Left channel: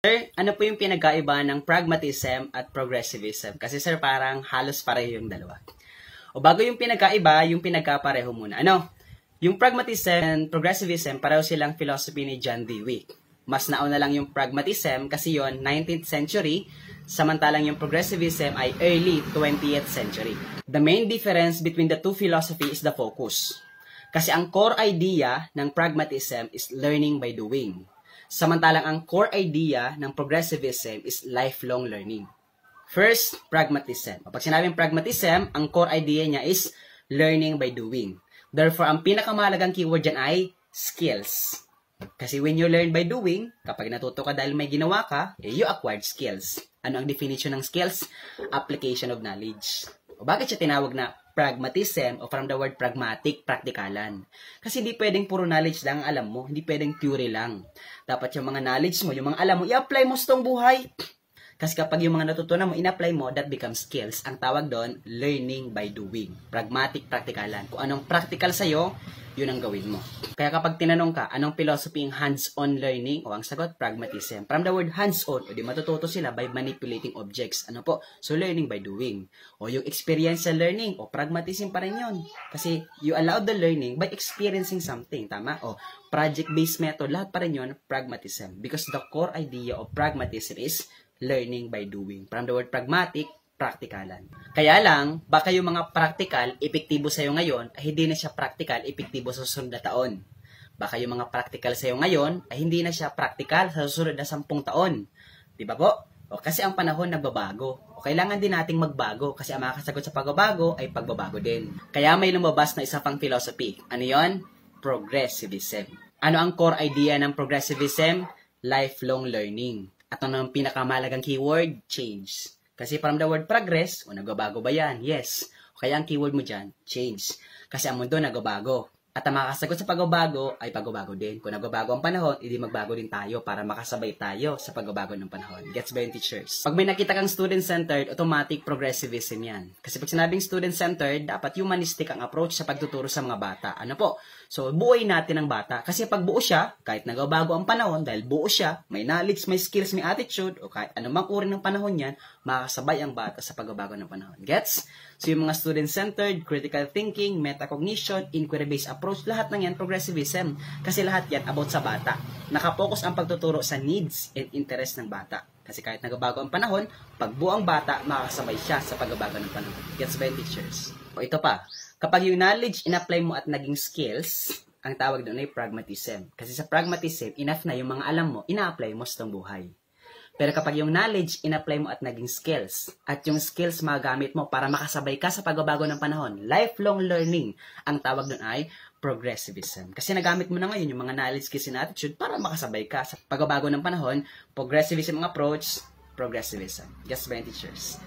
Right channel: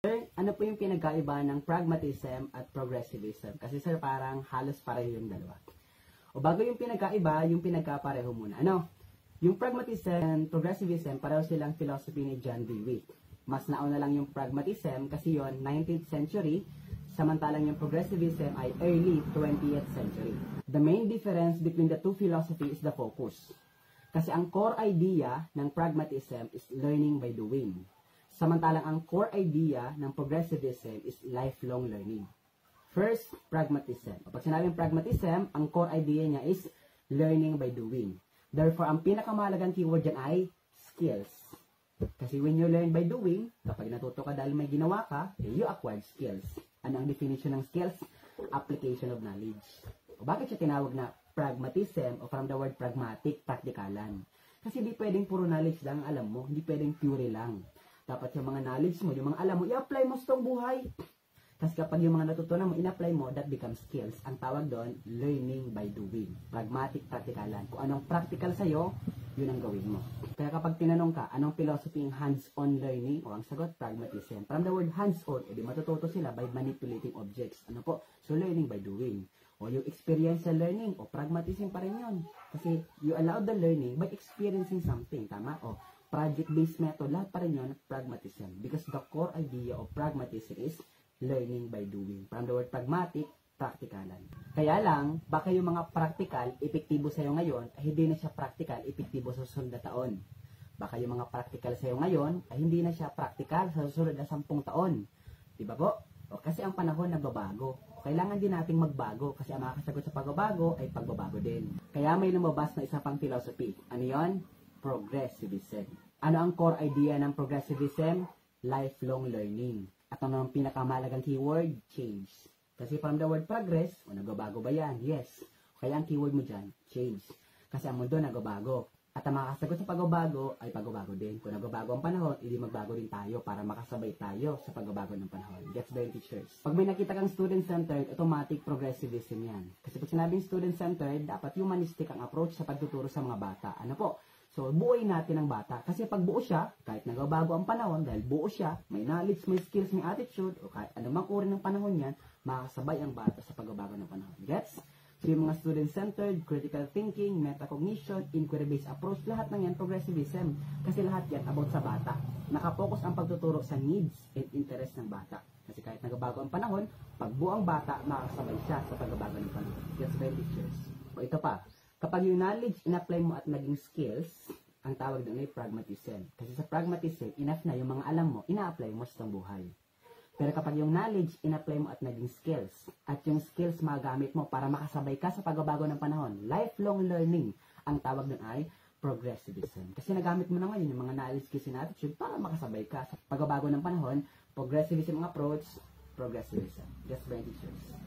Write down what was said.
Sir, ano po yung pinagkaiba ng pragmatism at progressivism? Kasi sir, parang halos pareho yung dalawa. O bago yung pinagkaiba, yung pinagkapareho muna. Yung pragmatism and progressivism, pareho silang philosophy ni John Dewey. Mas nauna lang yung pragmatism kasi yon 19th century, samantalang yung progressivism ay early 20th century. The main difference between the two philosophy is the focus. Kasi ang core idea ng pragmatism is learning by doing. Samantalang ang core idea ng progressivism is lifelong learning. First, pragmatism. Pag sinabing pragmatism, ang core idea niya is learning by doing. Therefore, ang pinakamahalagang keyword dyan ay skills. Kasi when you learn by doing, kapag natuto ka dahil may ginawa ka, you acquired skills. Ano ang definition ng skills? Application of knowledge. O bakit siya tinawag na pragmatism o from the word pragmatic, praktikalan? Kasi hindi pwedeng puro knowledge lang ang alam mo, hindi pwedeng theory lang. Dapat yung mga knowledge mo, yung mga alam mo, i-apply mo sa tong buhay. Kasi kapag yung mga natutunan mo, in-apply mo, that becomes skills. Ang tawag doon, learning by doing. Pragmatic, praktikalan. Kung anong practical sa'yo, yun ang gawin mo. Kaya kapag tinanong ka, anong philosophy ng hands-on learning? O ang sagot, pragmatism. From the word hands-on, o di matututo sila by manipulating objects. Ano po? So, learning by doing. O yung experiential learning, o pragmatism pa rin yun. Kasi you allow the learning by experiencing something. Tama? O project-based method, lahat pa rin yun, pragmatism. Because the core idea of pragmatism is learning by doing. From the word pragmatic, praktikalan. Kaya lang, baka yung mga practical, epektibo sa'yo ngayon, ay hindi na siya practical, epektibo sa susunod na taon. Baka yung mga practical sa'yo ngayon, ay hindi na siya practical sa susunod na 10 taon. Di ba po? O, kasi ang panahon nagbabago. O, kailangan din nating magbago kasi ang makakasagot sa pagbabago ay pagbabago din. Kaya may lumabas na isa pang philosophy. Ano yon? Progressivism. Ano ang core idea ng progressivism? Lifelong learning. At ano ang pinakamahalagang keyword? Change. Kasi from the word progress, o nagbabago ba yan? Yes. Kaya ang keyword mo dyan, change. Kasi ang mundo nagbabago. At ang makakasagot sa pagbabago ay pagbabago din. Kung nagbabago ang panahon, hindi magbago din tayo para makasabay tayo sa pagbabago ng panahon. Gets ba yung teachers? Pag may nakita kang student-centered, automatic progressivism yan. Kasi pag sinabing student-centered, dapat humanistic ang approach sa pagtuturo sa mga bata. Ano po? So, buuin natin ang bata. Kasi pag buo siya, kahit nagbabago ang panahon, dahil buo siya, may knowledge, may skills, may attitude, o kahit anumang uri ng panahon yan, makakasabay ang bata sa pagbabago ng panahon. Gets? So, yung mga student-centered, critical thinking, metacognition, inquiry-based approach, lahat ng yan, progressivism. Kasi lahat yan about sa bata. Nakapokus ang pagtuturo sa needs and interest ng bata. Kasi kahit nagbabago ang panahon, pag buo ang bata, makakasabay siya sa pagbabago ng panahon. Gets ba yung teachers? O ito pa, kapag yung knowledge in-apply mo at naging skills, ang tawag doon ay pragmatism. Kasi sa pragmatism, enough na yung mga alam mo, ina-apply mo sa tong buhay. Pero kapag yung knowledge, in-apply mo at naging skills, at yung skills magamit mo para makasabay ka sa pagbabago ng panahon, lifelong learning, ang tawag doon ay progressivism. Kasi nagamit mo na ngayon yung mga knowledge, skills, and attitude para makasabay ka sa pagbabago ng panahon, progressivism ang approach, progressivism. Yes ba yung teachers?